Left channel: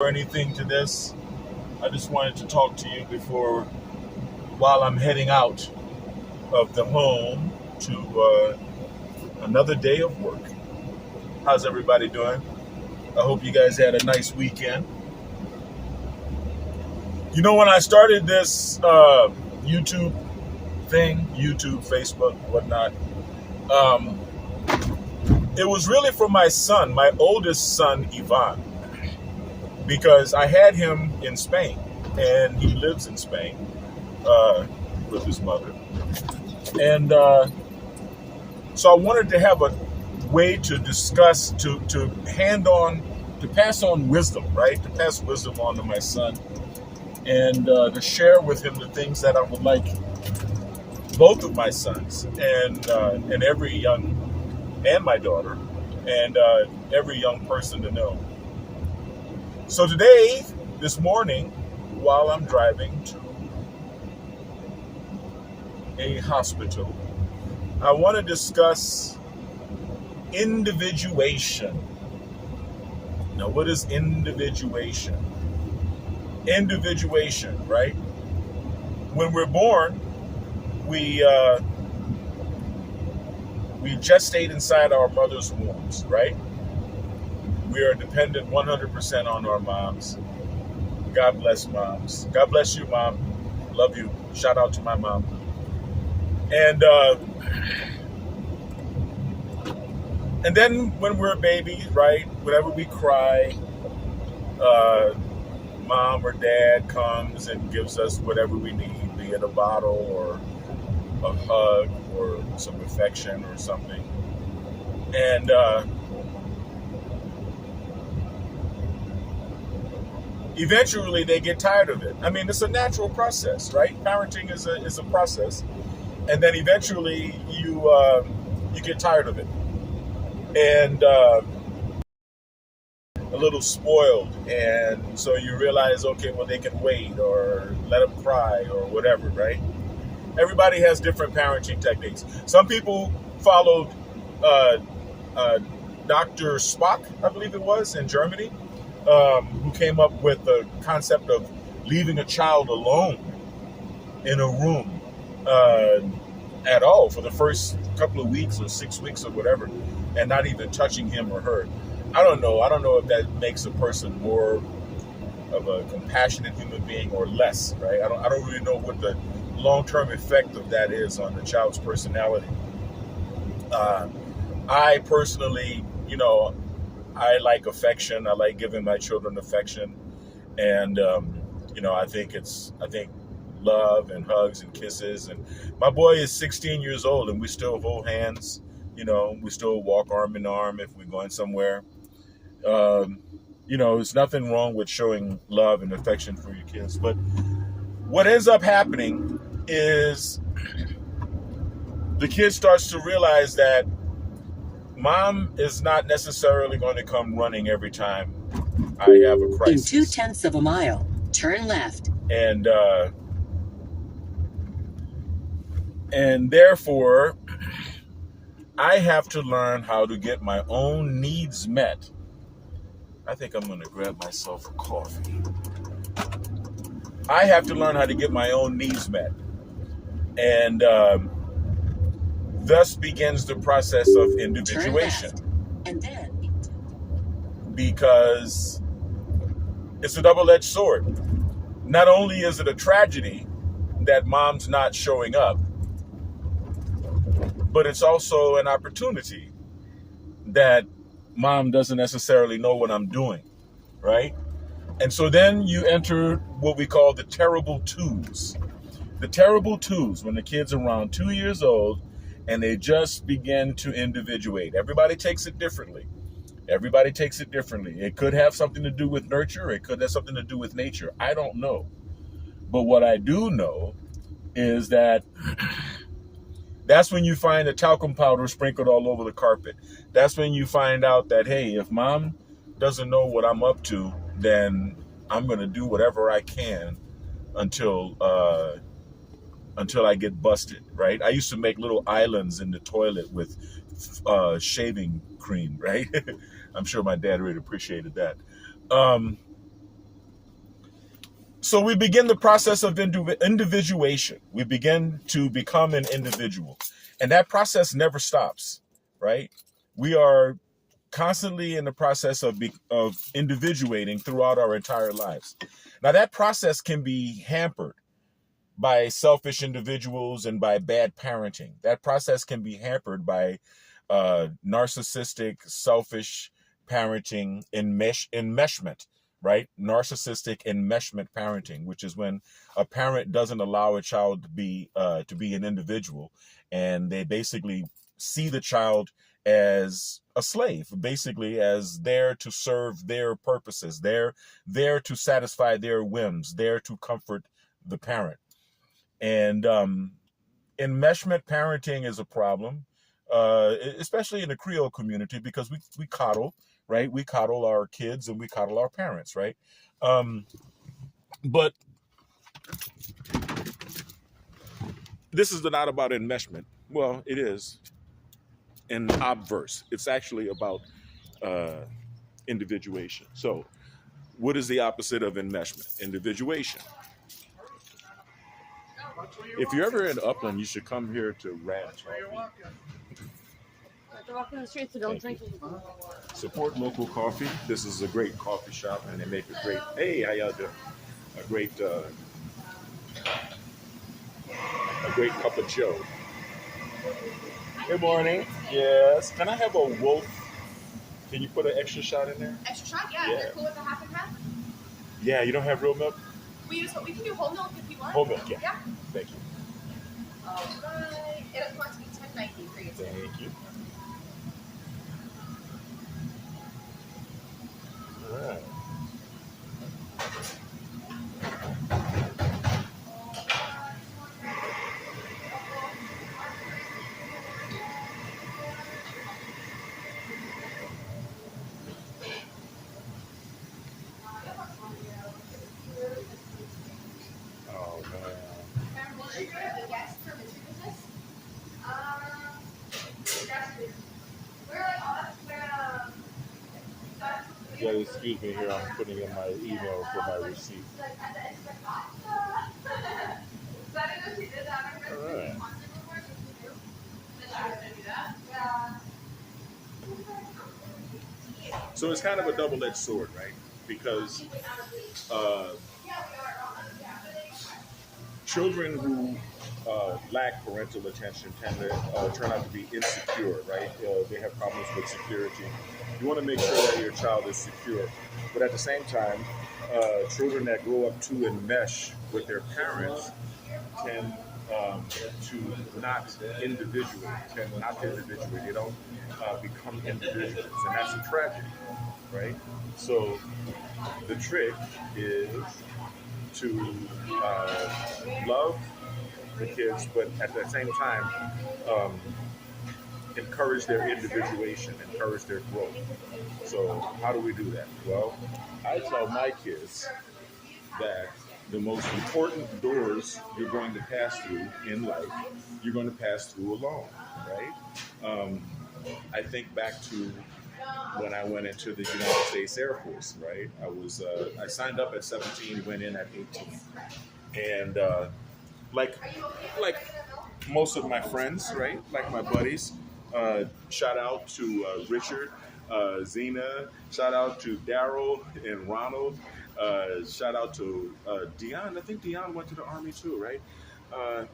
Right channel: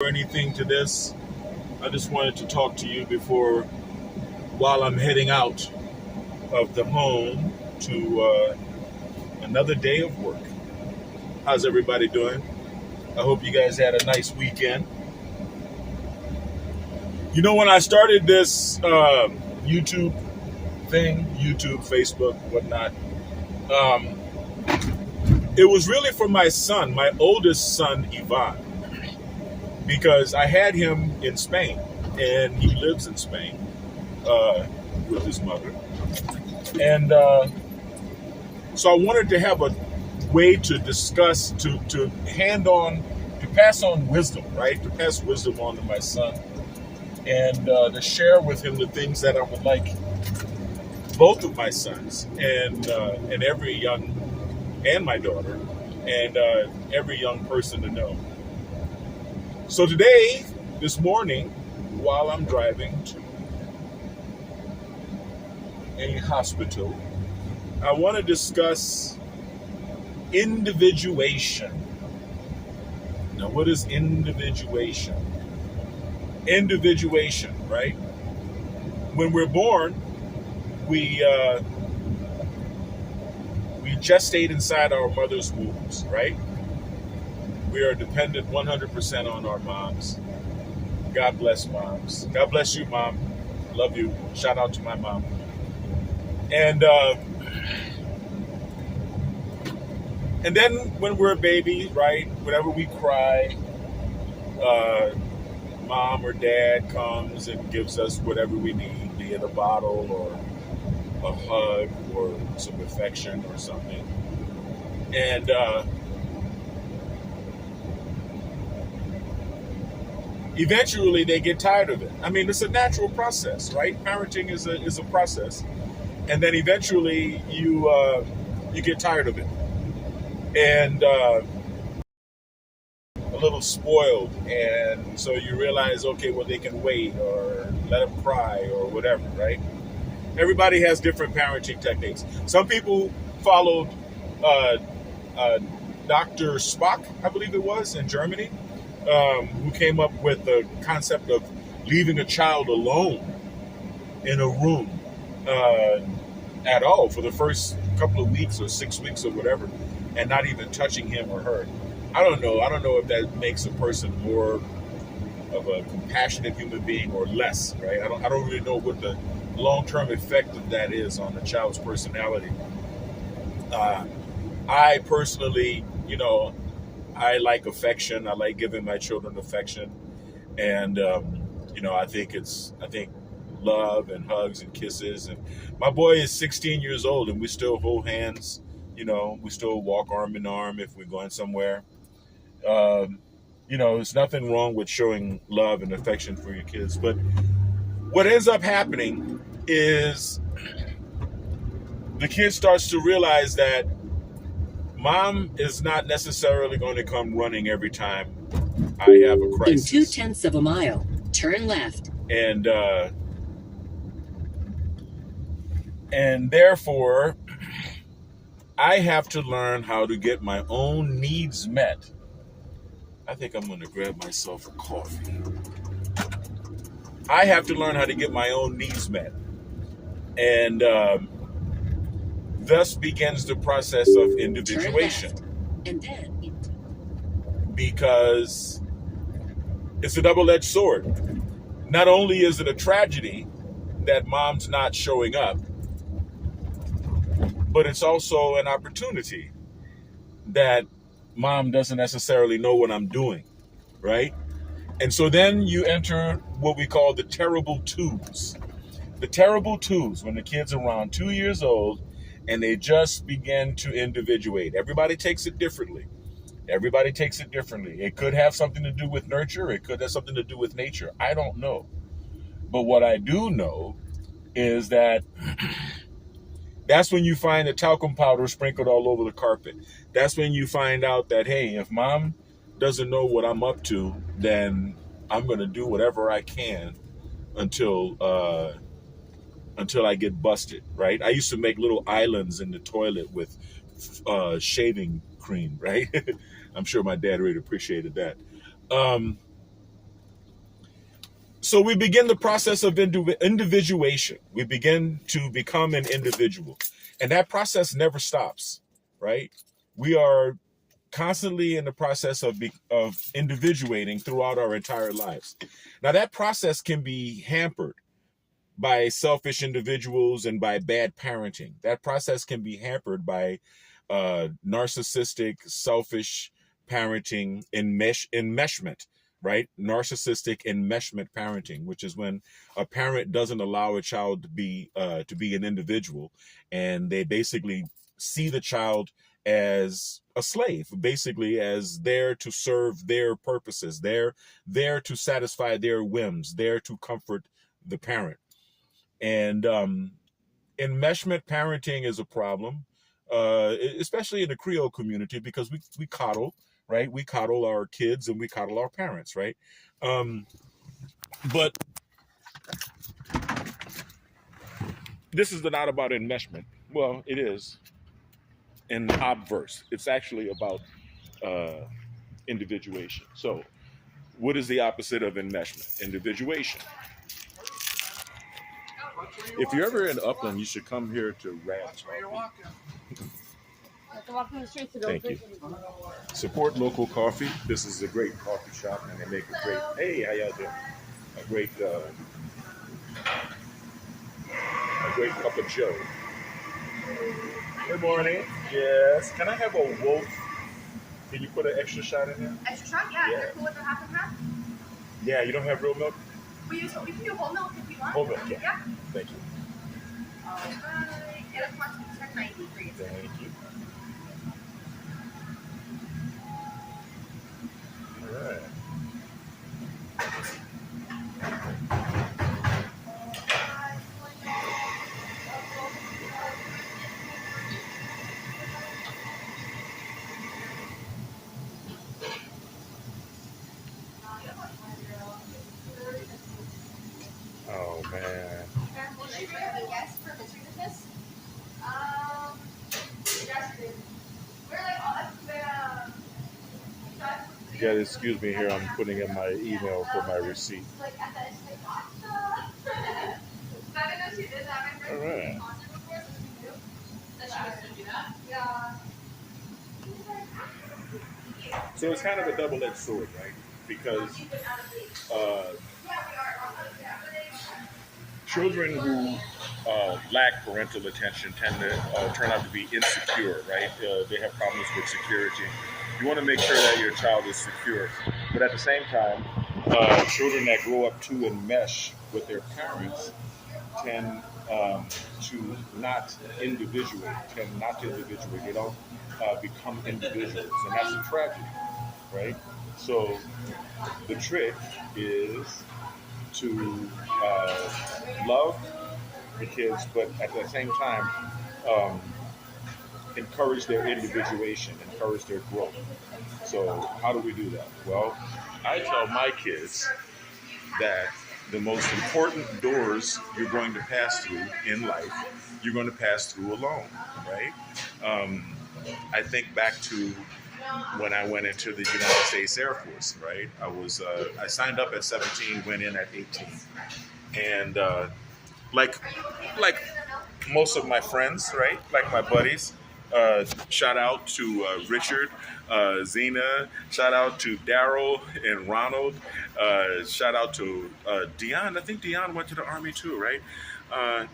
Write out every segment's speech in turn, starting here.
Or anything to this. I just wanted to talk to you while I'm heading out of the home to another day of work. How's everybody doing? I hope you guys had a nice weekend. You know, when I started this YouTube thing, YouTube, Facebook, whatnot, um, it was really for my son, my oldest son, Ivan, because I had him in Spain, and he lives in Spain with his mother. And so I wanted to have a way to discuss, to pass on wisdom, right? To pass wisdom on to my son, and to share with him the things that I would like both of my sons and every young, and my daughter, and every young person to know. So today, this morning, while I'm driving to a hospital, I want to discuss individuation. Now, what is individuation? Individuation, right? When we're born, we gestate inside our mother's wombs, right? We are dependent 100% on our moms. God bless moms. God bless you, Mom. Love you. Shout out to my mom. And then when we're babies, right, whenever we cry, Mom or Dad comes and gives us whatever we need, be it a bottle or a hug or some affection or something. And eventually they get tired of it. I mean, it's a natural process, right? Parenting is a process. And then eventually you get tired of it. And a little spoiled. And so you realize, okay, well, they can wait or let them cry or whatever, right? Everybody has different parenting techniques. Some people followed Dr. Spock, I believe it was, in Germany, who came up with the concept of leaving a child alone in a room at all for the first couple of weeks or 6 weeks or whatever, and not even touching him or her. I don't know. I don't know if that makes a person more of a compassionate human being or less, right? I don't really know what the long-term effect of that is on the child's personality. I personally, I like affection. I like giving my children affection, and I think love and hugs and kisses. And my boy is 16 years old, and we still hold hands. We still walk arm in arm if we're going somewhere. There's nothing wrong with showing love and affection for your kids. But what ends up happening is the kid starts to realize that Mom is not necessarily going to come running every time I have a crisis. In 0.2 of a mile, turn left. And therefore, I have to learn how to get my own needs met. I think I'm going to grab myself a coffee. I have to learn how to get my own needs met. And thus begins the process of individuation. And then because it's a double-edged sword. Not only is it a tragedy that Mom's not showing up, but it's also an opportunity that Mom doesn't necessarily know what I'm doing, right? And so then you enter what we call the terrible twos. The terrible twos, when the kid's around 2 years old and they just begin to individuate. Everybody takes it differently. It could have something to do with nurture. It could have something to do with nature. I don't know. But what I do know is that that's when you find the talcum powder sprinkled all over the carpet. That's when you find out that, hey, if Mom doesn't know what I'm up to, then I'm going to do whatever I can until I get busted, right? I used to make little islands in the toilet with shaving cream, right? I'm sure my dad really appreciated that. So we begin the process of individuation. We begin to become an individual. And that process never stops, right? We are constantly in the process of individuating throughout our entire lives. Now, that process can be hampered by selfish individuals and by bad parenting. That process can be hampered by narcissistic, selfish parenting, enmeshment, right? Narcissistic enmeshment parenting, which is when a parent doesn't allow a child to be an individual, and they basically see the child as a slave, basically as there to serve their purposes, there to satisfy their whims, there to comfort the parent. And enmeshment parenting is a problem, especially in the Creole community, because we coddle, right? We coddle our kids and we coddle our parents, right? But this is not about enmeshment. Well, it is in obverse. It's actually about individuation. So what is the opposite of enmeshment? Individuation. If you're ever in Upland, you should come here to Rad's Coffee. Walking the streets to go drink. Support local coffee. This is a great coffee shop, and they make a great. Hey, how y'all doing? A great cup of Joe. Good morning. Yes. Can I have a Wolf? Can you put an extra shot in there? Extra shot? Yeah. You're cool with a half and half? Yeah. You don't have real milk? We can do whole milk if you want. Whole milk. Yeah. Yeah. Thank you. All right. It'll cost me $10.90 for you. Thank you. All right. Oh man. You gotta excuse me here. I'm putting in my email for my receipt. All right. So it's kind of a double-edged sword, right? Because children who lack parental attention tend to turn out to be insecure, right? They have problems with security. You want to make sure that your child is secure, but at the same time, children that grow up to enmesh with their parents tend to not individuate. They don't become individuals, and that's a tragedy, right? So the trick is to love the kids, but at the same time, encourage their individuation, encourage their growth. So how do we do that? Well, I tell my kids that the most important doors you're going to pass through in life, you're going to pass through alone, right? I think back to when I went into the United States Air Force, right? I signed up at 17, went in at 18. And like most of my friends, right? Like my buddies, shout out to Richard, Zena, shout out to Daryl and Ronald, shout out to Dion. I think Dion went to the Army too, right?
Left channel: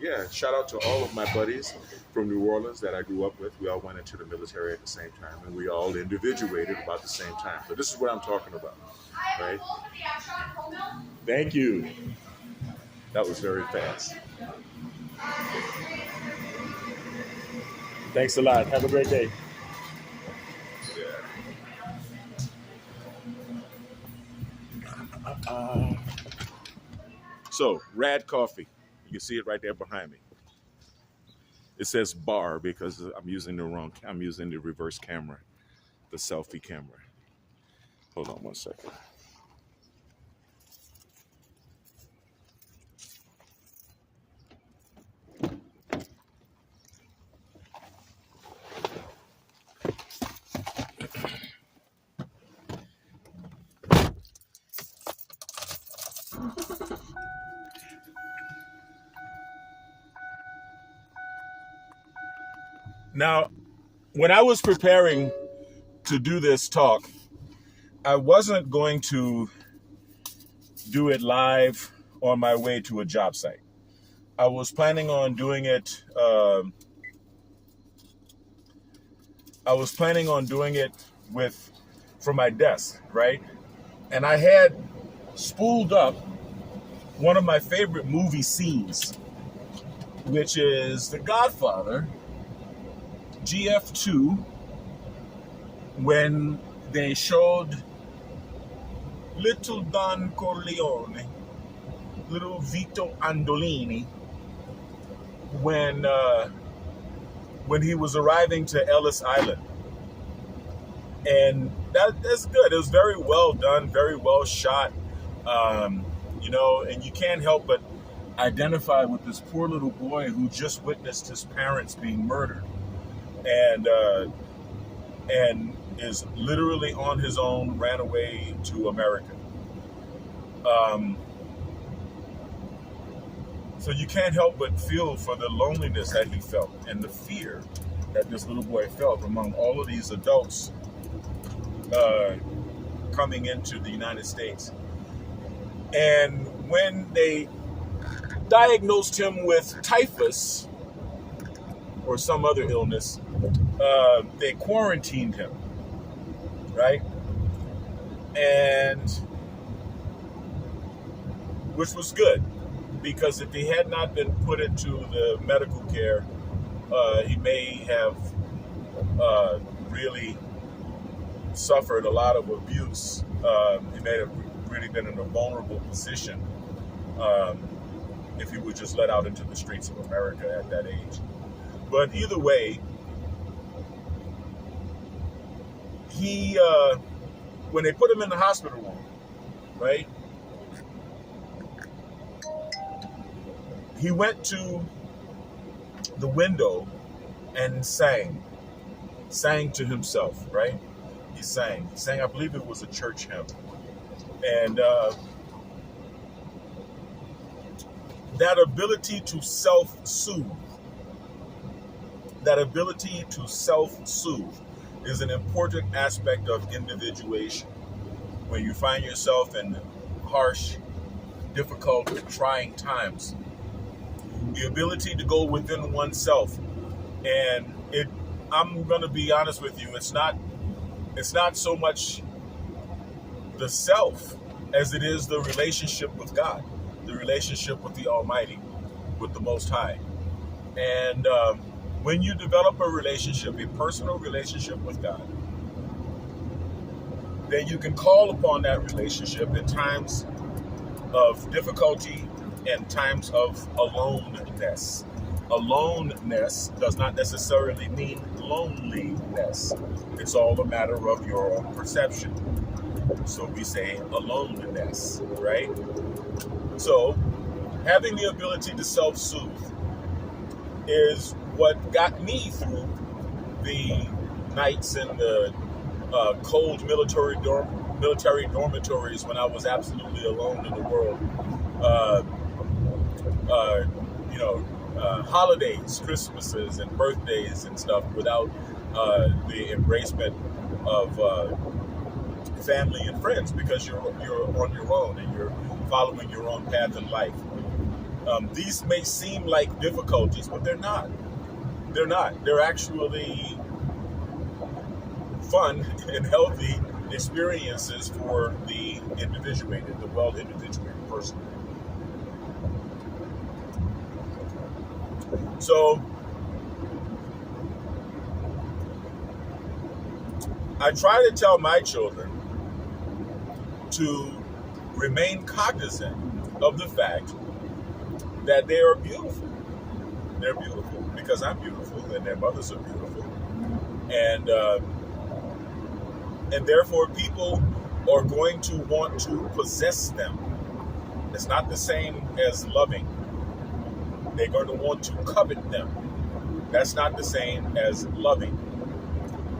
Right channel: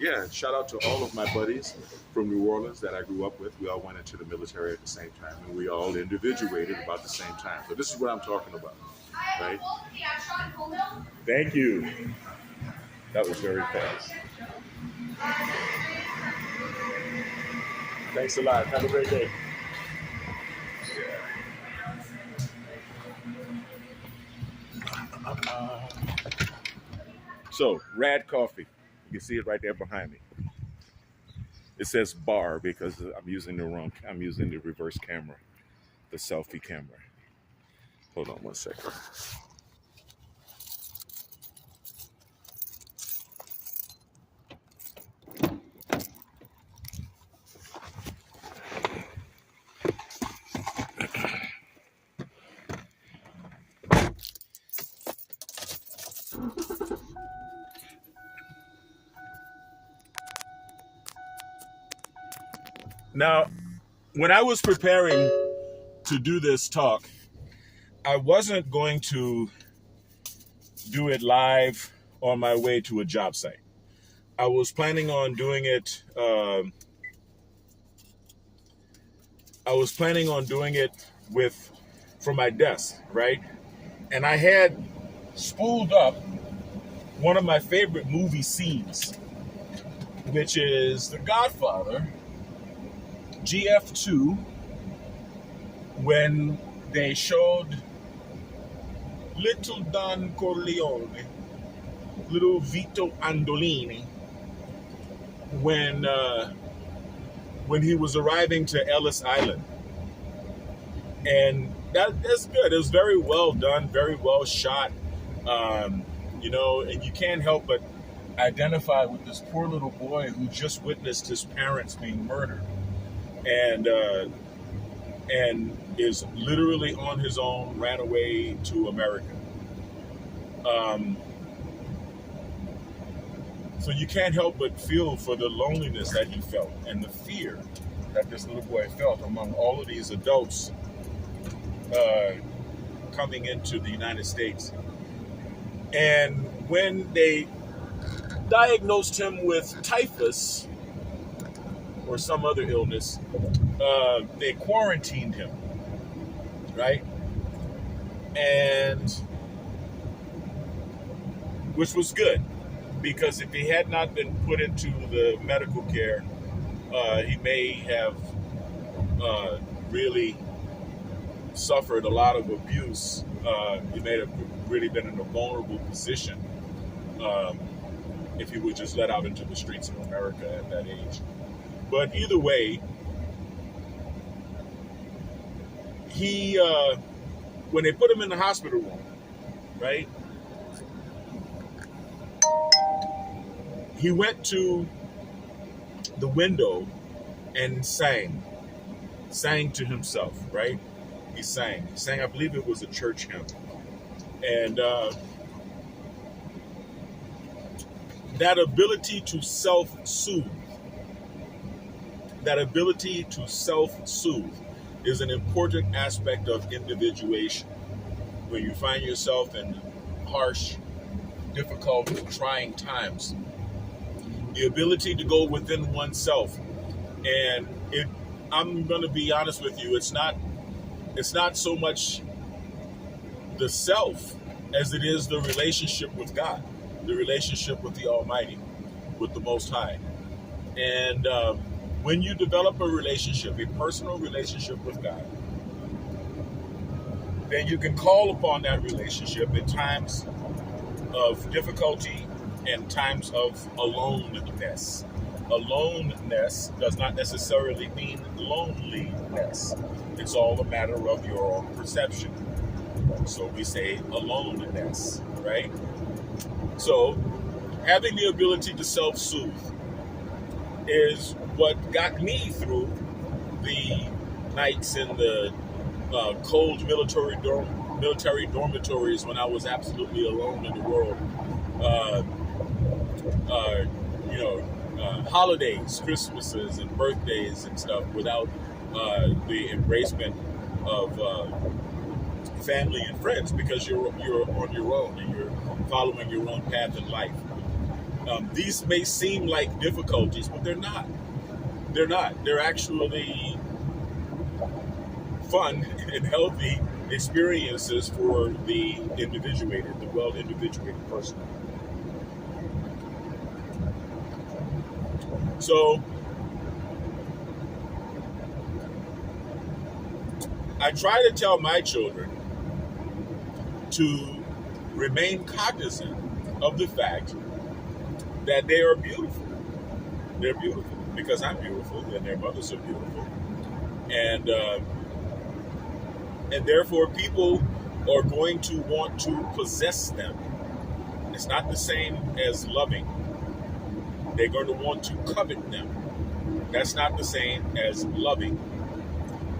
Yeah, shout out to all of my buddies from New Orleans that I grew up with. We all went into the military at the same time, and we all individuated about the same time. So this is what I'm talking about, right? Thank you. That was very fast. Thanks a lot. Have a great day. Yeah. So, Rad Coffee. You can see it right there behind me. It says bar because I'm using the reverse camera, the selfie camera. Hold on one second. Now, when I was preparing to do this talk, I wasn't going to do it live on my way to a job site. I was planning on doing it. From my desk, right? And I had spooled up one of my favorite movie scenes, which is The Godfather, GF2, when they showed little Don Corleone, little Vito Andolini, when he was arriving to Ellis Island. And that's good. It was very well done, very well shot, and you can't help but identify with this poor little boy who just witnessed his parents being murdered, and is literally on his own, ran away to America. So you can't help but feel for the loneliness that he felt and the fear that this little boy felt among all of these adults coming into the United States. And when they diagnosed him with typhus or some other illness, they quarantined him, right? And which was good, because if he had not been put into the medical care, he may have really suffered a lot of abuse. He may have really been in a vulnerable position if he was just let out into the streets of America at that age. But either way, he when they put him in the hospital room, right, he went to the window and sang to himself, right? He sang, I believe it was a church hymn. And that ability to self-soothe is an important aspect of individuation. When you find yourself in harsh, difficult, trying times, the ability to go within oneself. And I'm going to be honest with you, it's not so much the self as it is the relationship with God, the relationship with the Almighty, with the Most High. And when you develop a relationship, a personal relationship with God, then you can call upon that relationship in times of difficulty and times of aloneness. Aloneness does not necessarily mean loneliness. It's all a matter of your own perception. So we say aloneness, right? So having the ability to self-soothe is what got me through the nights in the cold military dormitories when I was absolutely alone in the world. Holidays, Christmases, and birthdays and stuff without the embracement of family and friends, because you're on your own and you're following your own path in life. These may seem like difficulties, but they're not. They're not. They're actually fun and healthy experiences for the individuated, the well-individuated person. So I try to tell my children to remain cognizant of the fact that they are beautiful. They're beautiful because I'm beautiful and their mothers are beautiful. And therefore people are going to want to possess them. It's not the same as loving. They're going to want to covet them. That's not the same as loving.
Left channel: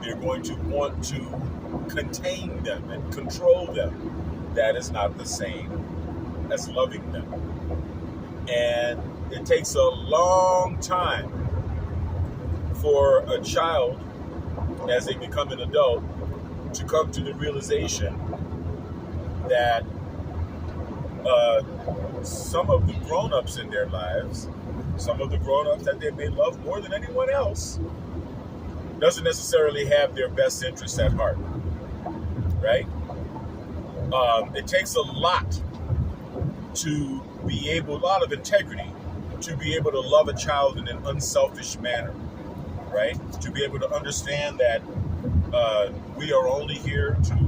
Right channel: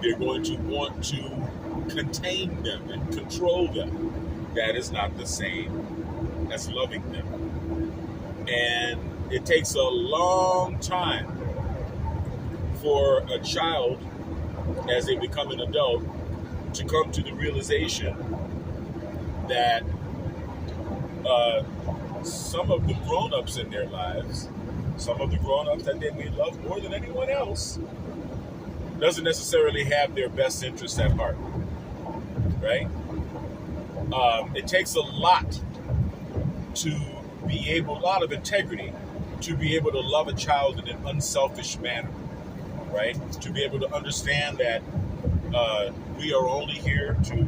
They're going to want to contain them and control them. That is not the same as loving them. And it takes a long time for a child, as they become an adult, to come to the realization that some of the grown-ups in their lives, some of the grown-ups that they may love more than anyone else, doesn't necessarily have their best interests at heart, right? It takes a lot to be able, a lot of integrity, to be able to love a child in an unselfish manner, right? To be able to understand that we are only here to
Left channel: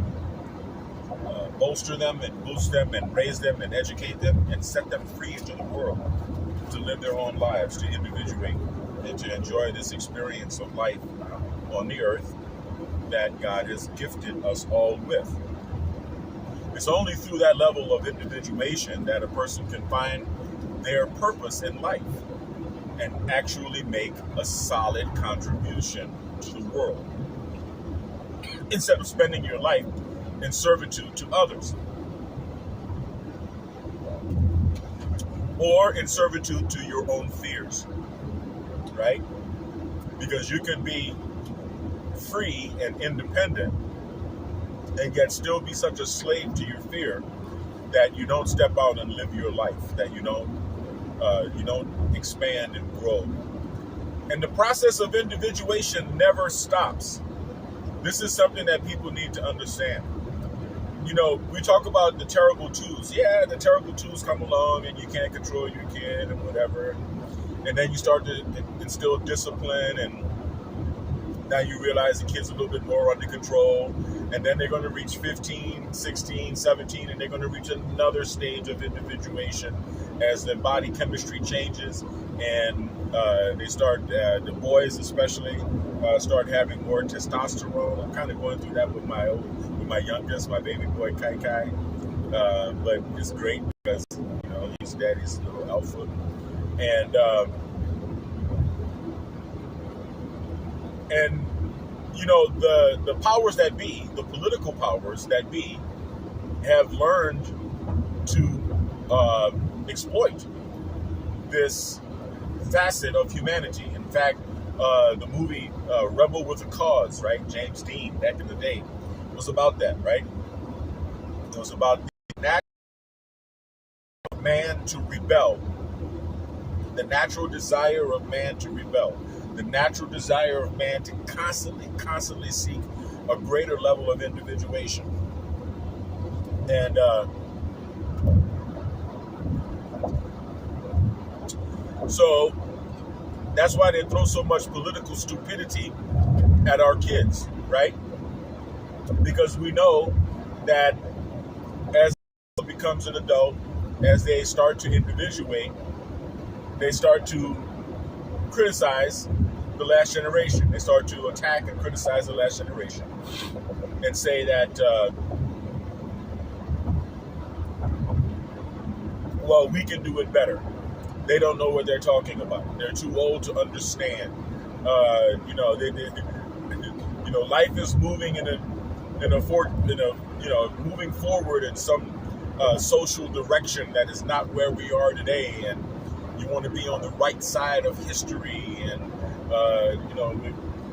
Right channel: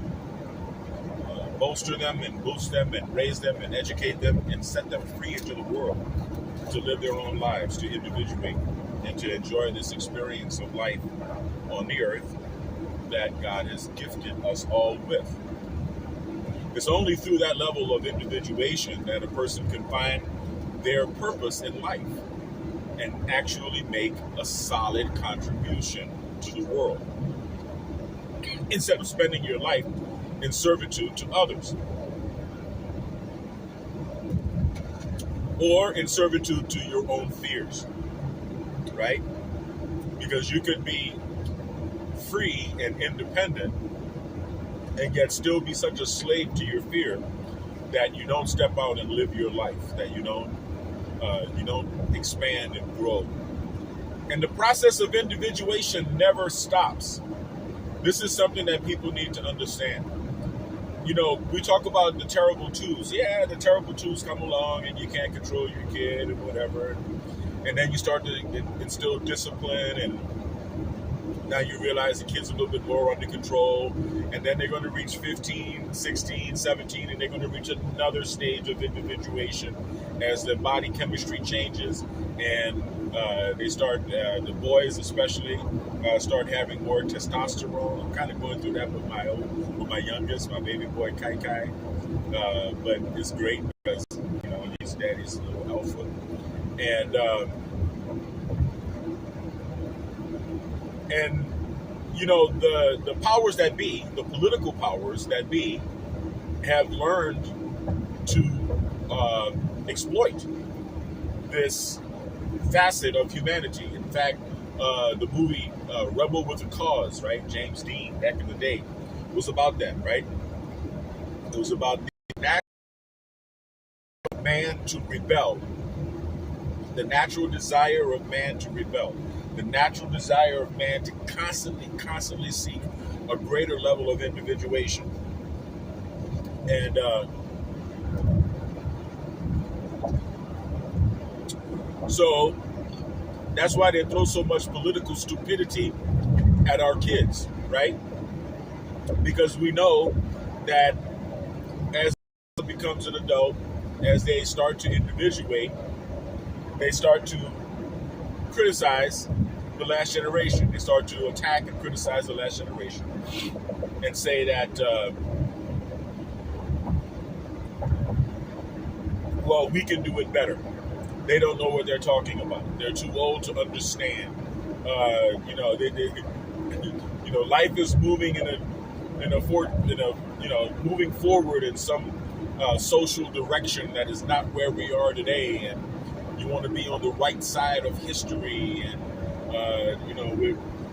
bolster them and boost them and raise them and educate them and set them free into the world to live their own lives, to individuate and to enjoy this experience of life on the earth that God has gifted us all with. It's only through that level of individuation that a person can find their purpose in life and actually make a solid contribution to the world, instead of spending your life in servitude to others, or in servitude to your own fears, right? Because you could be free and independent and yet still be such a slave to your fear that you don't step out and live your life, that you don't expand and grow. And the process of individuation never stops. This is something that people need to understand. You know, we talk about the terrible twos. Yeah, the terrible twos come along and you can't control your kid and whatever. And then you start to instill discipline, and now you realize the kid's a little bit more under control. And then they're going to reach 15, 16, 17, and they're going to reach another stage of individuation as the body chemistry changes. And they start, the boys especially, start having more testosterone. I'm kind of going through that with my youngest, my baby boy Kai Kai. But it's great because, you know, he's daddy's little alpha. And you know, the powers that be, the political powers that be, have learned to exploit this facet of humanity. In fact, the movie Rebel with a Cause, right? James Dean, back in the day, was about that, right? It was about the natural of man to rebel, the natural desire of man to rebel, the natural desire of man to constantly seek a greater level of individuation. And so that's why they throw so much political stupidity at our kids, right? Because we know that as becomes an adult, as they start to individuate, they start to criticize the last generation. They start to attack and criticize the last generation and say that, well, we can do it better. They don't know what they're talking about. They're too old to understand. You know, life is moving moving forward in some social direction that is not where we are today, and you want to be on the right side of history, and you know,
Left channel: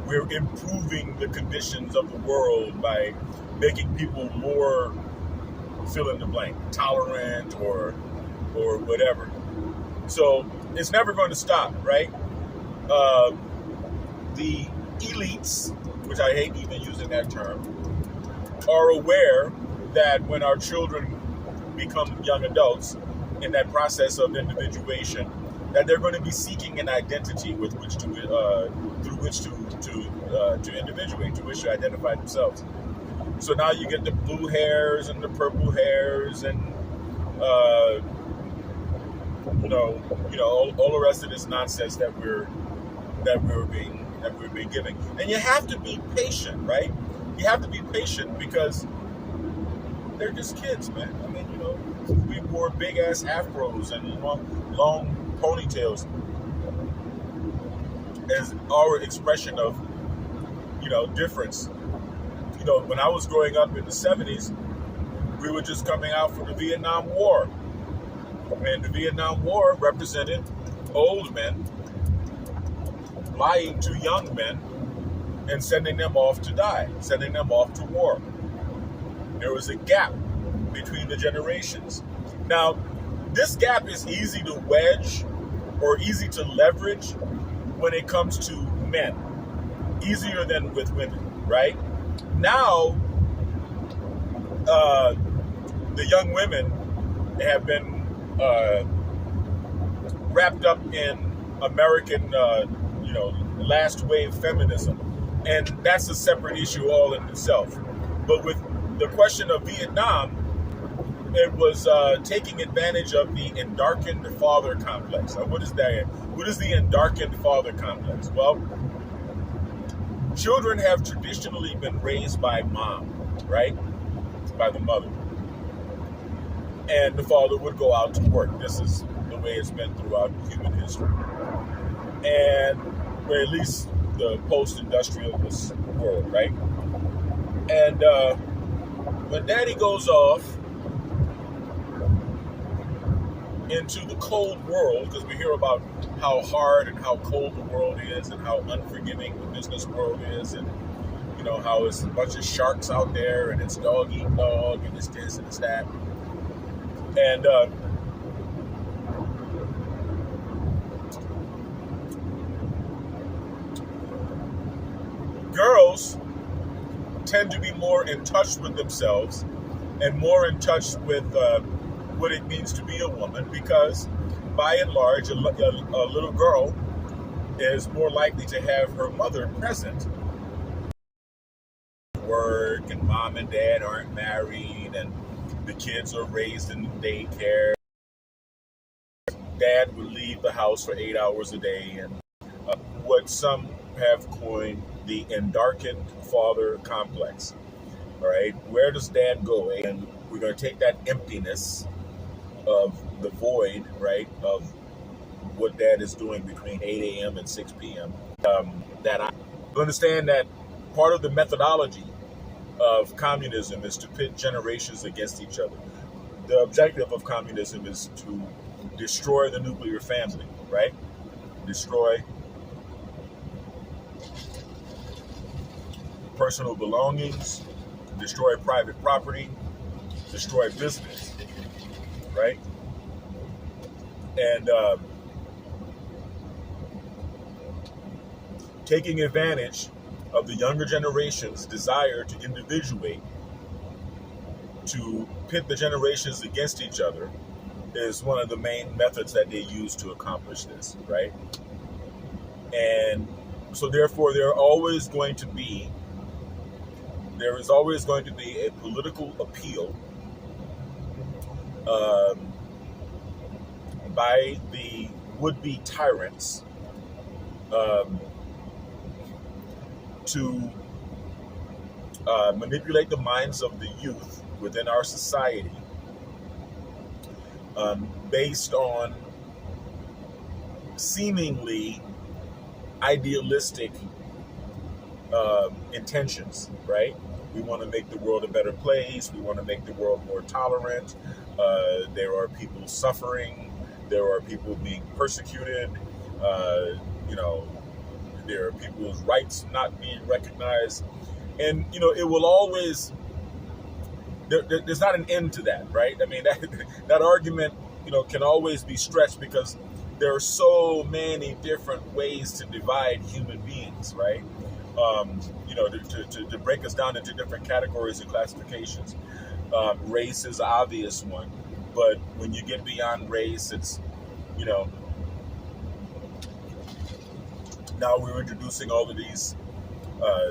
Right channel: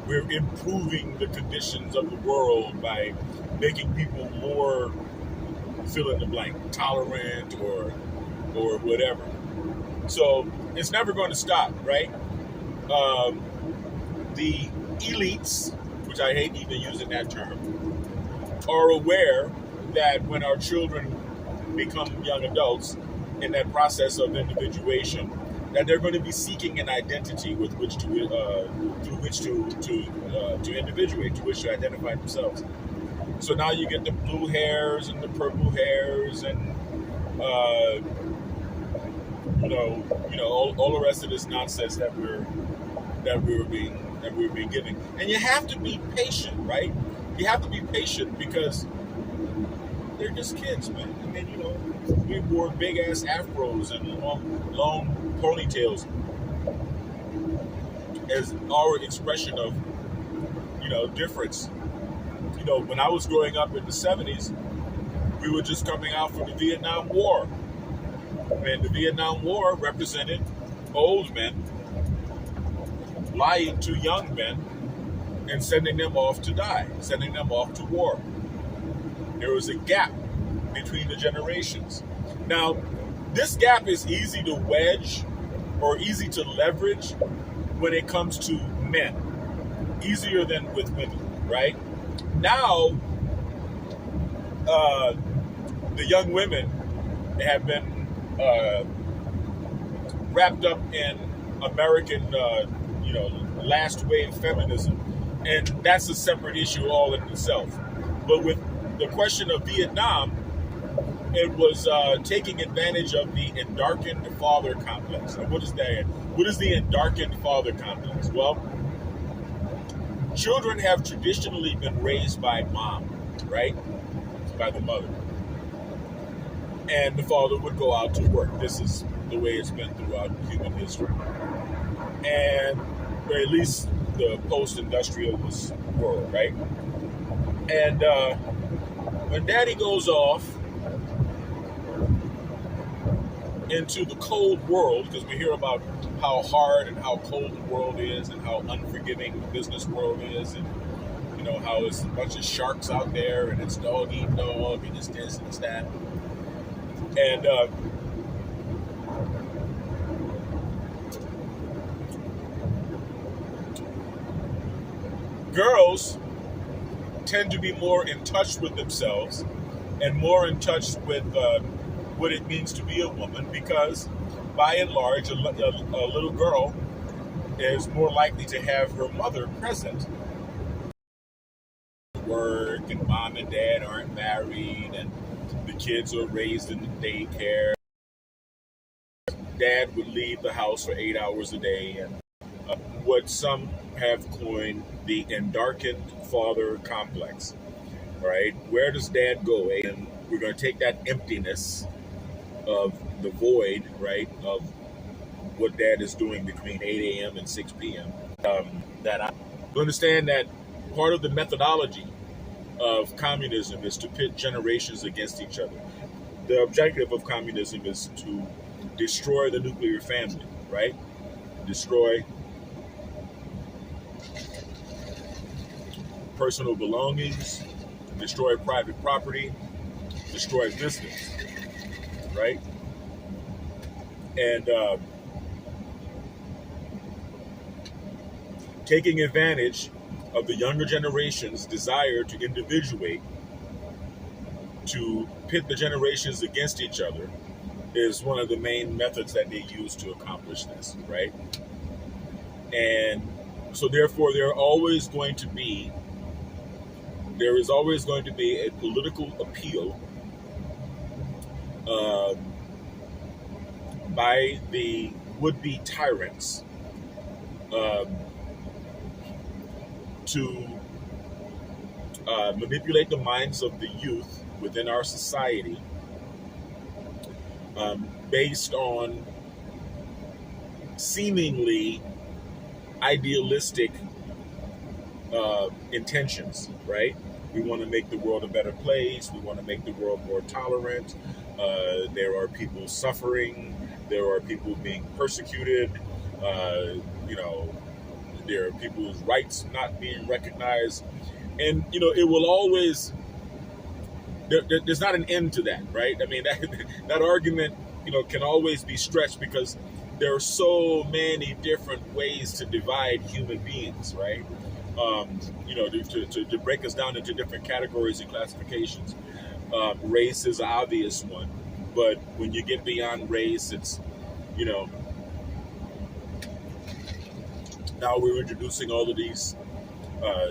we're improving the conditions of the world by making people more fill in the blank, tolerant or whatever. So it's never going to stop, right? The elites, which I hate even using that term, are aware that when our children become young adults in that process of individuation, that they're going to be seeking an identity with which to through which to individuate, to which to identify themselves. So now you get the blue hairs and the purple hairs, and all the rest of this nonsense that we're being given. And you have to be patient, right? You have to be patient because they're just kids, man. I mean, you know, we wore big ass afros and long ponytails as our expression of, you know, difference. You know, when I was growing up in the 70s, we were just coming out from the Vietnam War. And the Vietnam War represented old men lying to young men and sending them off to die, sending them off to war. There was a gap between the generations. Now, this gap is easy to wedge or easy to leverage when it comes to men, easier than with women, right? Now, the young women have been wrapped up in American, last wave feminism, and that's a separate issue all in itself. But with the question of Vietnam, it was taking advantage of the endarkened father complex. What is that? What is the endarkened father complex? Well, children have traditionally been raised by mom, right? By the mother. And the father would go out to work. This is the way it's been throughout human history. And or at least the post-industrial world, right? And when daddy goes off into the cold world, because we hear about how hard and how cold the world is and how unforgiving the business world is, and how it's a bunch of sharks out there and it's dog eat dog and it's this and it's that. And girls tend to be more in touch with themselves and more in touch with what it means to be a woman, because by and large, a little girl is more likely to have her mother present. Work, and mom and dad aren't married, and the kids are raised in daycare. Dad would leave the house for 8 hours a day, and what some have coined the endarkened father complex. All right, where does dad go? And we're going to take that emptiness of the void, right, of what dad is doing between 8 a.m. and 6 p.m. That I understand that part of the methodology of communism is to pit generations against each other. The objective of communism is to destroy the nuclear family, right? Destroy personal belongings, destroy private property, destroy business, right? And taking advantage of the younger generation's desire to individuate, to pit the generations against each other, is one of the main methods that they use to accomplish this, right? And so therefore there is always going to be a political appeal by the would-be tyrants to manipulate the minds of the youth within our society based on seemingly idealistic intentions, right? We want to make the world a better place. We want to make the world more tolerant. There are people suffering. There are people being persecuted. There are people's rights not being recognized. And, it will always, there's not an end to that, right? I mean, that argument, can always be stretched because there are so many different ways to divide human beings, right? To break us down into different categories and classifications. Race is an obvious one, but when you get beyond race, it's, now we're introducing all of these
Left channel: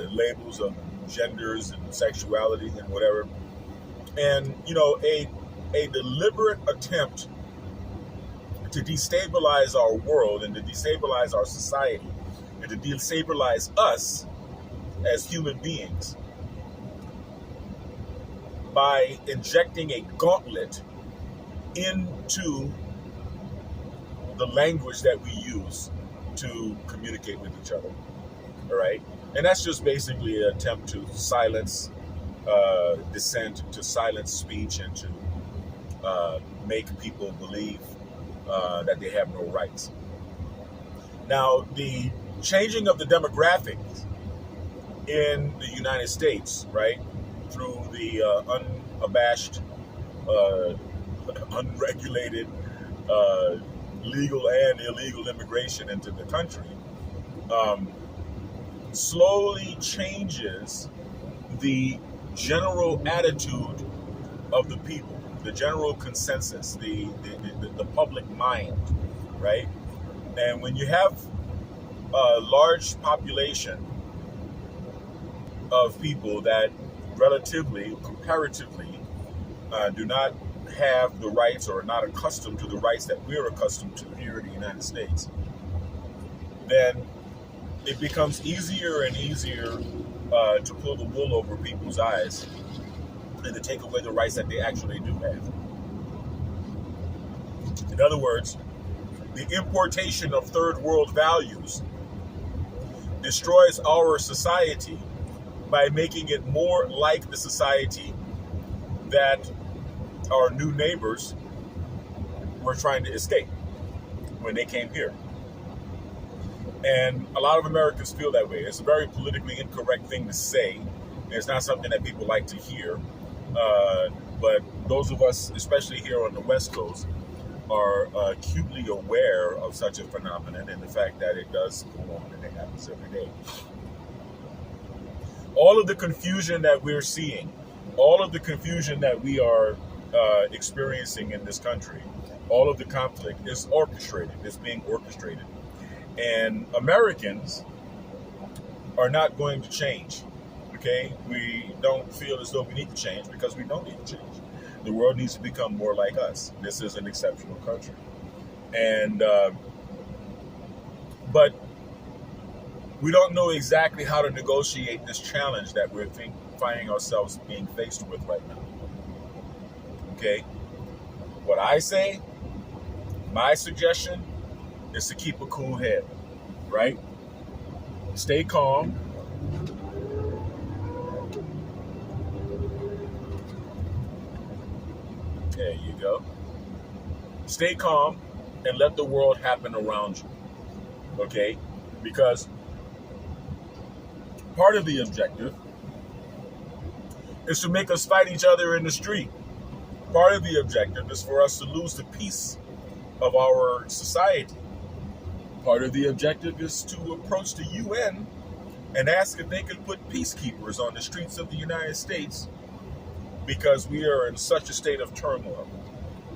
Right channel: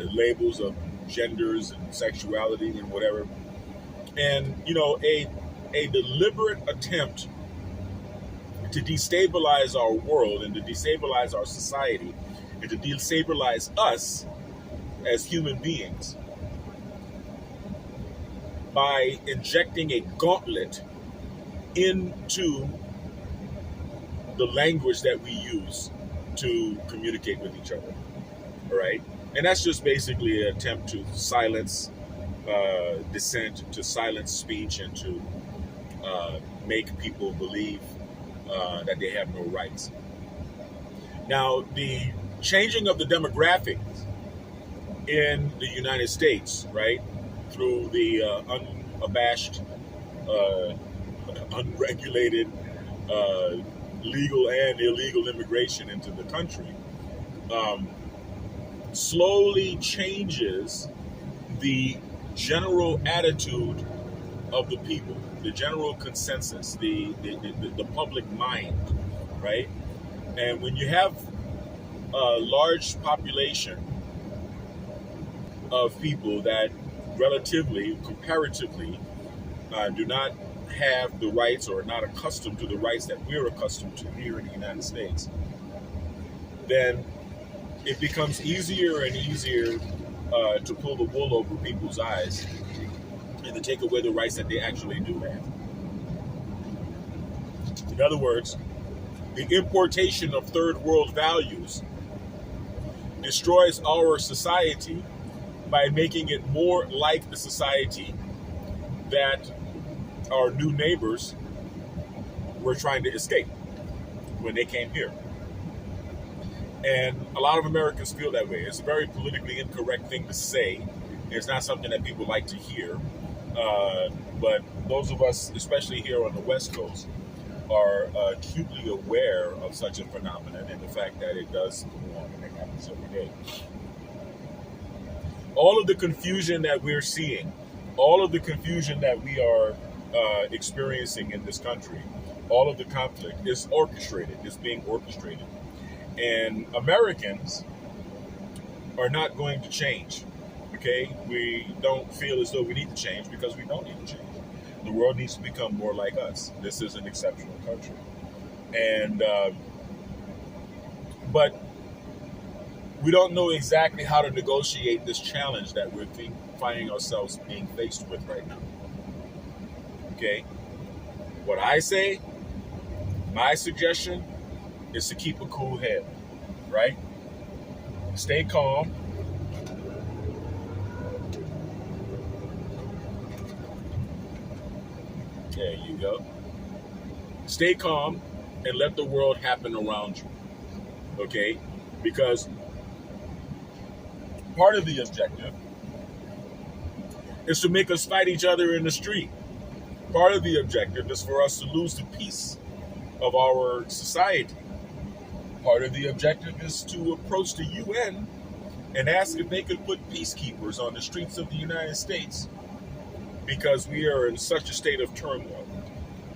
labels of genders and sexuality and whatever. And, a deliberate attempt to destabilize our world and to destabilize our society and to destabilize us as human beings by injecting a gauntlet into the language that we use to communicate with each other, all right? And that's just basically an attempt to silence dissent, to silence speech, and to make people believe that they have no rights. Now, the changing of the demographics in the United States, right, through the unabashed, unregulated, legal and illegal immigration into the country, slowly changes the general attitude of the people, the general consensus, the public mind, right? And when you have a large population of people that relatively, comparatively, do not have the rights or are not accustomed to the rights that we're accustomed to here in the United States, then it becomes easier and easier to pull the wool over people's eyes and to take away the rights that they actually do have. In other words, the importation of third world values destroys our society by making it more like the society that our new neighbors were trying to escape when they came here. And a lot of Americans feel that way. It's a very politically incorrect thing to say. It's not something that people like to hear. But those of us, especially here on the West Coast, are acutely aware of such a phenomenon and the fact that it does go on and it happens every day. All of the confusion that we're seeing, all of the confusion that we are experiencing in this country, all of the conflict is orchestrated, is being orchestrated. And Americans are not going to change, okay? We don't feel as though we need to change because we don't need to change. The world needs to become more like us. This is an exceptional country. And, but we don't know exactly how to negotiate this challenge that we're finding ourselves being faced with right now. Okay? What I say, my suggestion, is to keep a cool head, right? Stay calm. There you go. Stay calm and let the world happen around you, okay? Because part of the objective is to make us fight each other in the street. Part of the objective is for us to lose the peace of our society. Part of the objective is to approach the UN and ask if they could put peacekeepers on the streets of the United States because we are in such a state of turmoil,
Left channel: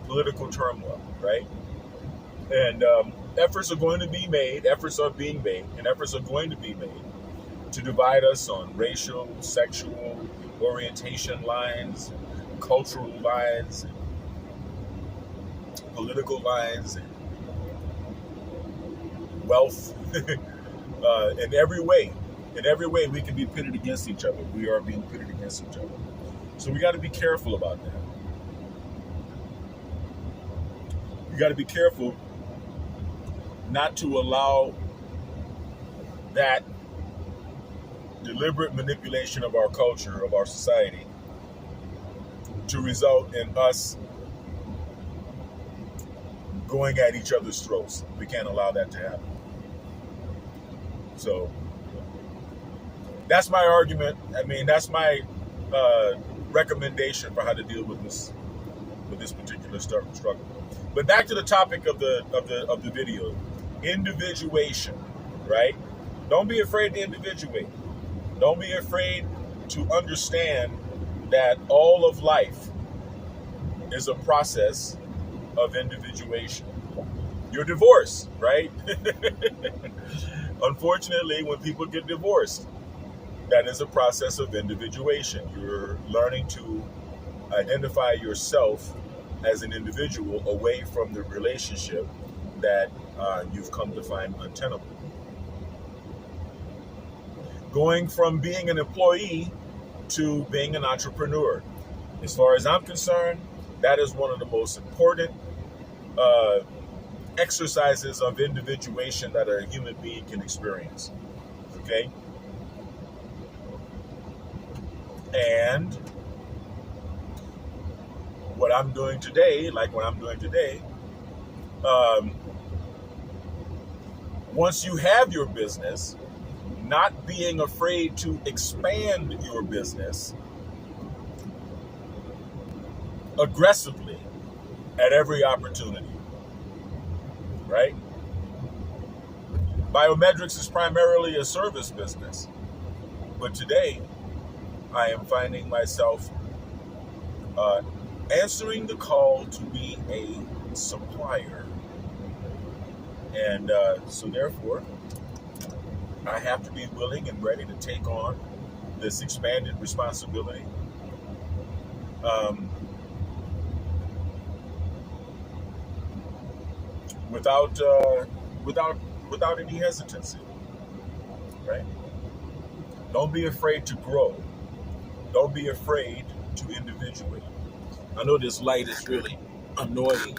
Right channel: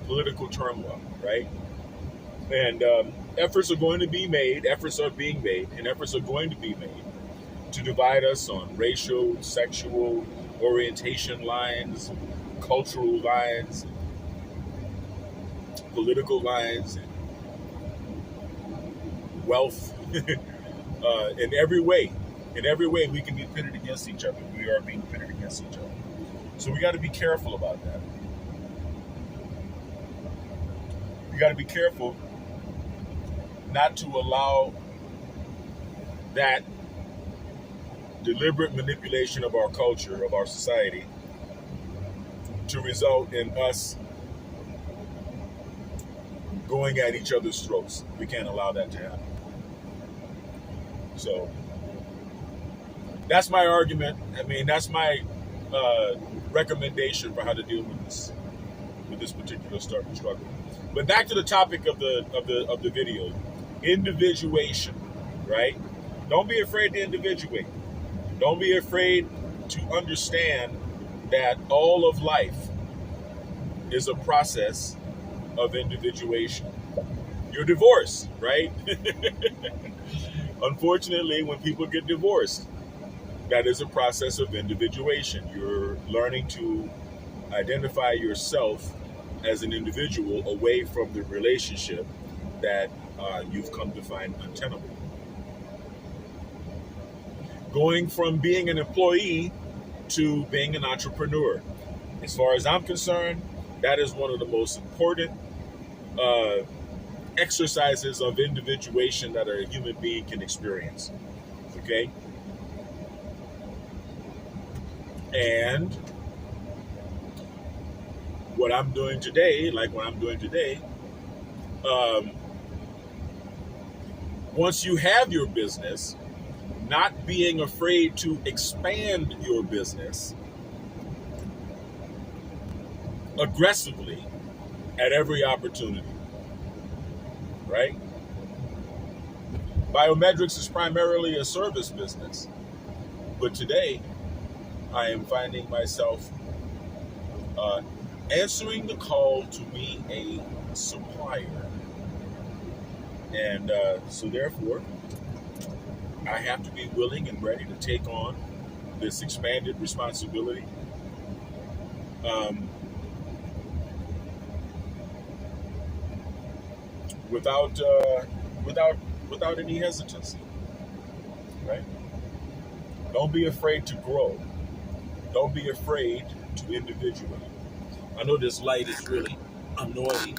political turmoil, right? And efforts are going to be made, efforts are being made, and efforts are going to be made to divide us on racial, sexual, orientation lines, cultural lines, political lines, wealth, in every way we can be pitted against each other. We are being pitted against each other. So we got to be careful about that. We got to be careful not to allow that deliberate manipulation of our culture, of our society, to result in us going at each other's throats. We can't allow that to happen. So that's my argument. I mean, that's my recommendation for how to deal with this particular struggle. But back to the topic of the video, individuation, right? Don't be afraid to individuate. Don't be afraid to understand that all of life is a process of individuation. You're divorced, right? Unfortunately, when people get divorced, that is a process of individuation. You're learning to identify yourself as an individual away from the relationship that you've come to find untenable. Going from being an employee to being an entrepreneur. As far as I'm concerned, that is one of the most important exercises of individuation that a human being can experience. Okay? And what I'm doing today, once you have your business, not being afraid to expand your business aggressively at every opportunity, right? Biometrics is primarily a service business, but today I am finding myself answering the call to be a supplier. And so therefore, I have to be willing and ready to take on this expanded responsibility. Without any hesitancy, right? Don't be afraid to grow. Don't be afraid to individuate. I know this light is really annoying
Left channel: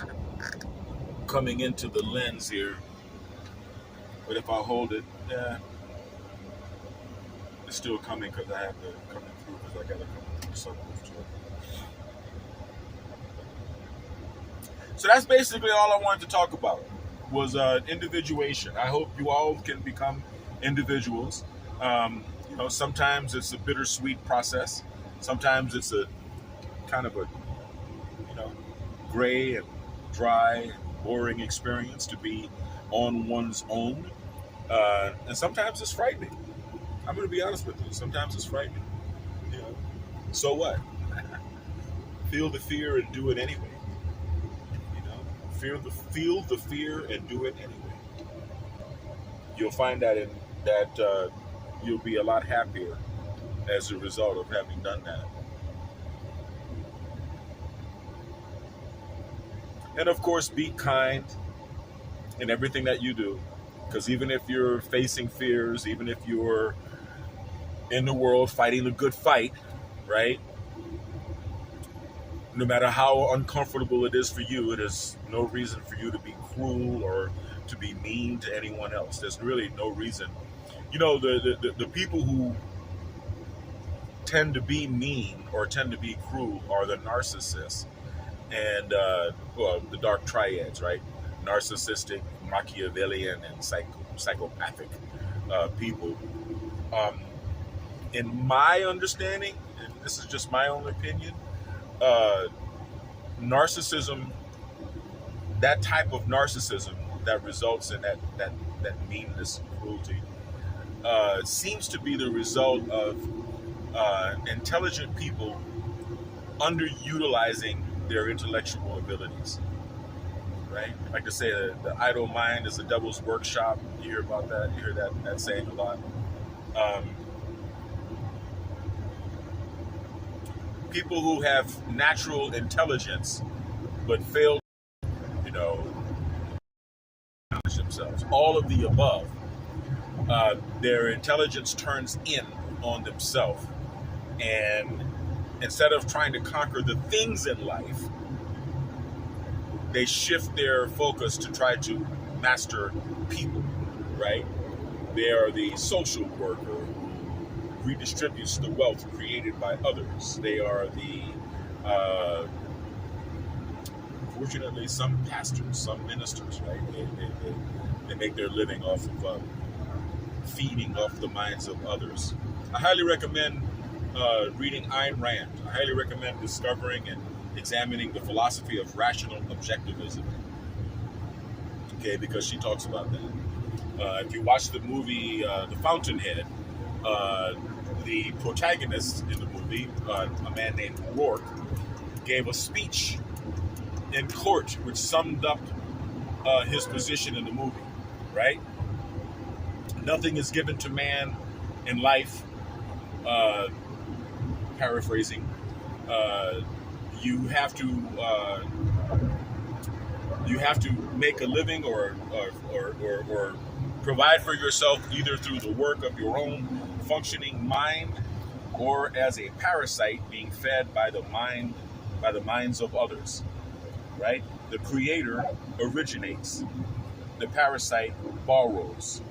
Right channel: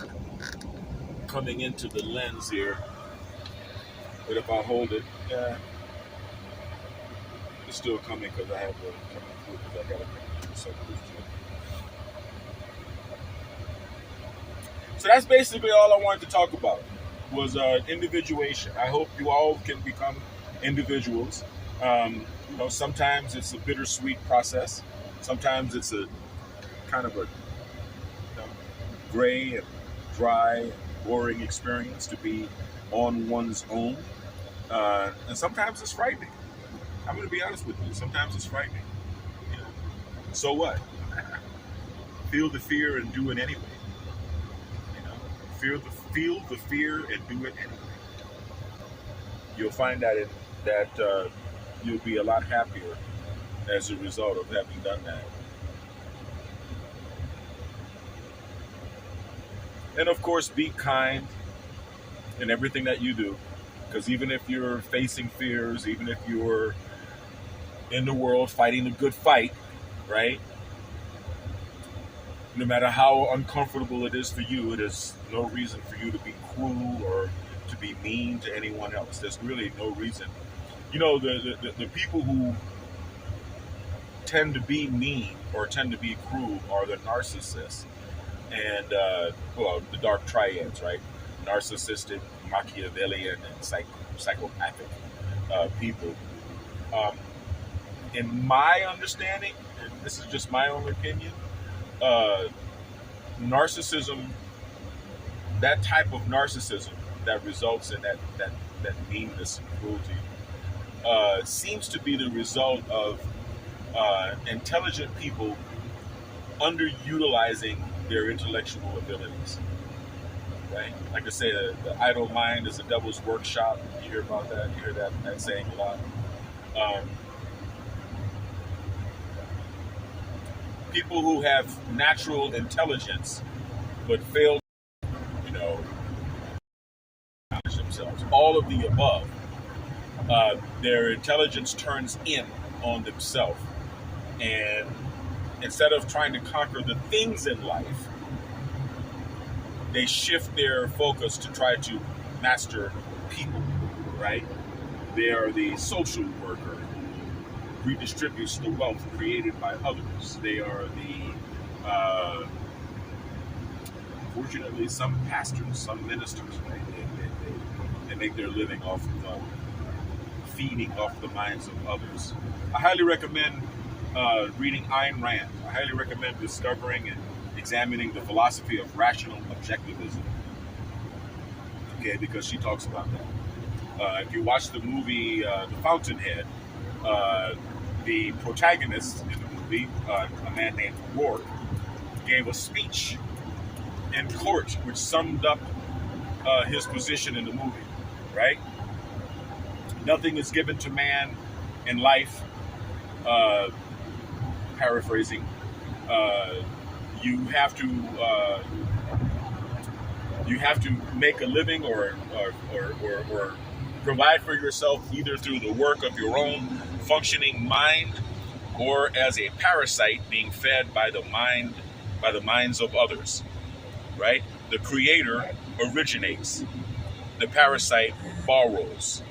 coming into the lens here, but if I hold it, it's still coming because I have to come through because I got to come through so close to it. So that's basically all I wanted to talk about was individuation. I hope you all can become individuals. Sometimes it's a bittersweet process. Sometimes it's a kind of a gray and dry and boring experience to be on one's own. And sometimes it's frightening. I'm going to be honest with you. Sometimes it's frightening. So what? Feel the fear and do it anyway. Feel the fear and do it anyway. You'll find that you'll be a lot happier as a result of having done that. And of course, be kind in everything that you do, because even if you're facing fears, even if you're in the world fighting the good fight, right? No matter how uncomfortable it is for you, it is no reason for you to be cruel or to be mean to anyone else. There's really no reason. The people who tend to be mean or tend to be cruel are the narcissists and, the dark triads, right? Narcissistic, Machiavellian, and psychopathic people. In my understanding, and this is just my own opinion, narcissism, that type of narcissism that results in that meanness and cruelty, seems to be the result of intelligent people underutilizing their intellectual abilities, right? Like I say, the idle mind is the devil's workshop. You hear about that? You hear that saying a lot. People who have natural intelligence but fail challenge themselves. All of the above. Their intelligence turns in on themselves. And instead of trying to conquer the things in life, they shift their focus to try to master people, right? They are the social worker who redistributes the wealth created by others. They are the, unfortunately, some pastors, some ministers, right? They make their living off of feeding off the minds of others. I highly recommend reading Ayn Rand. I highly recommend discovering and examining the philosophy of rational objectivism. Okay, because she talks about that. If you watch the movie The Fountainhead, the protagonist in the movie, a man named Rourke, gave a speech in court which summed up his position in the movie, right? Nothing is given to man in life, paraphrasing, you have to make a living or provide for yourself either through the work of your own functioning mind or as a parasite being fed by the minds of others, right? The creator originates, the parasite borrows,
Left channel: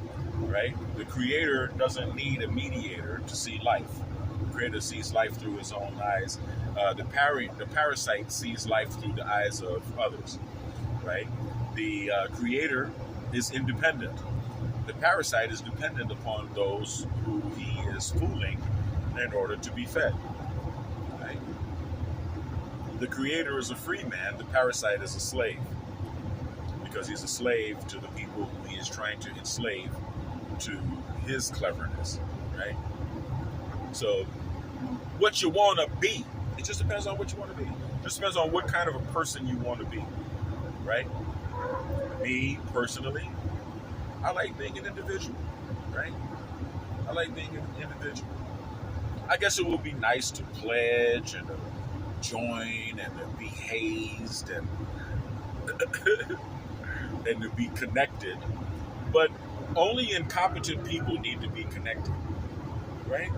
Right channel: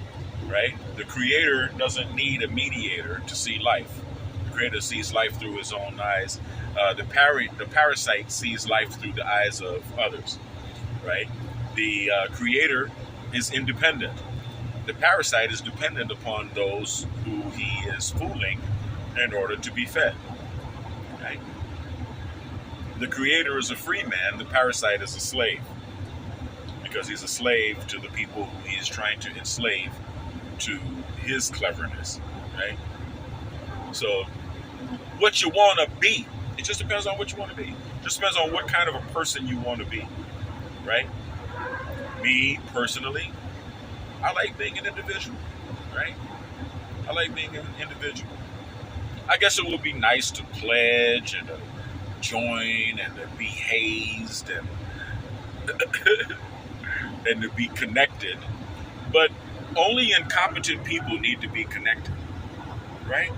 right? The creator doesn't need a mediator to see life. The creator sees life through his own eyes. The parasite sees life through the eyes of others, right? The creator is independent. the parasite is dependent upon those who he is fooling in order to be fed. Right? The creator is a free man, the parasite is a slave. Because he's a slave to the people who he is trying to enslave to his cleverness. Right? So, what you want to be, it just depends on what you want to be. It just depends on what kind of a person you want to be. Right? Me, personally, I like being an individual. Right? I like being an individual. I guess it would be nice to pledge and to join and to be hazed and and to be connected. But only incompetent people need to be connected. Right?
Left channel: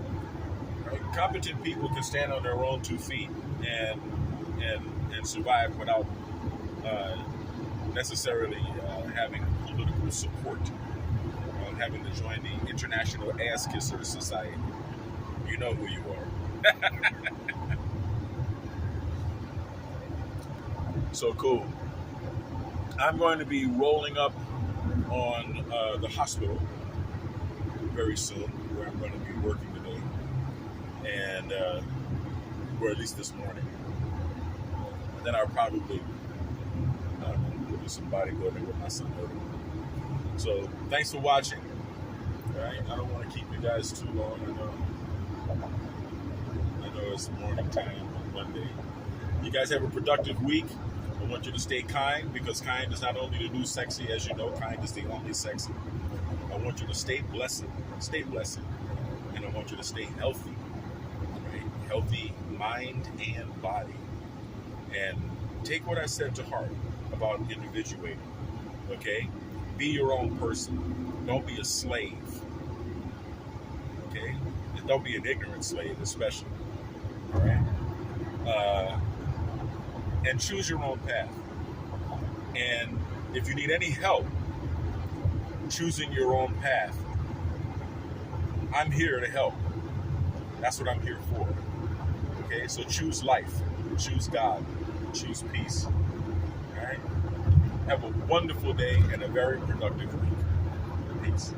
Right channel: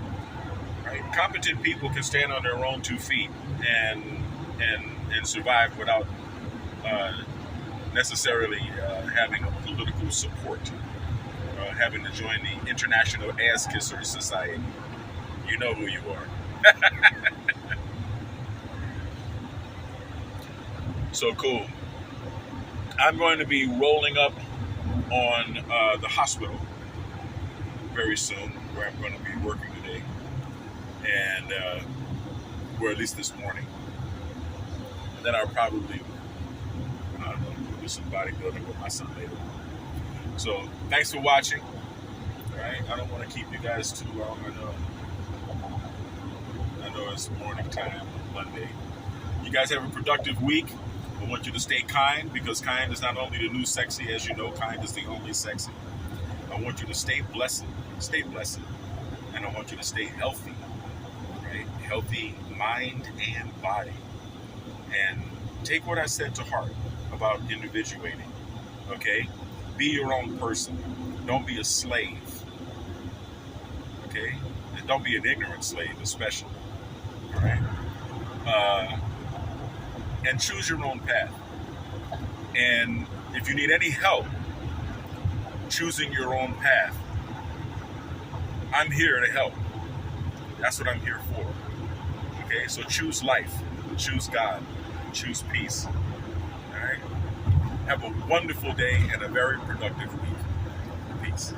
Right? Competent people can stand on their own 2 feet and survive without necessarily having a political support, having to join the International Ass Kissers Society. You know who you are. So cool. I'm going to be rolling up on the hospital very soon, where I'm going to be working today, and or at least this morning. And then I'll probably, I don't know, do some bodybuilding with my son later. So thanks for watching. All right, I don't want to keep you guys too long. I know it's morning time on Monday. You guys have a productive week. I want you to stay kind, because kind is not only the new sexy, as you know, kind is the only sexy. I want you to stay blessed, and I want you to stay healthy, right? Healthy mind and body. And take what I said to heart about individuating, okay? Be your own person. Don't be a slave, okay? And don't be an ignorant slave, especially, all right? And choose your own path. And if you need any help choosing your own path, I'm here to help. That's what I'm here for. Okay, so choose life, choose God, choose peace. All right? Have a wonderful day and a very productive week. Peace.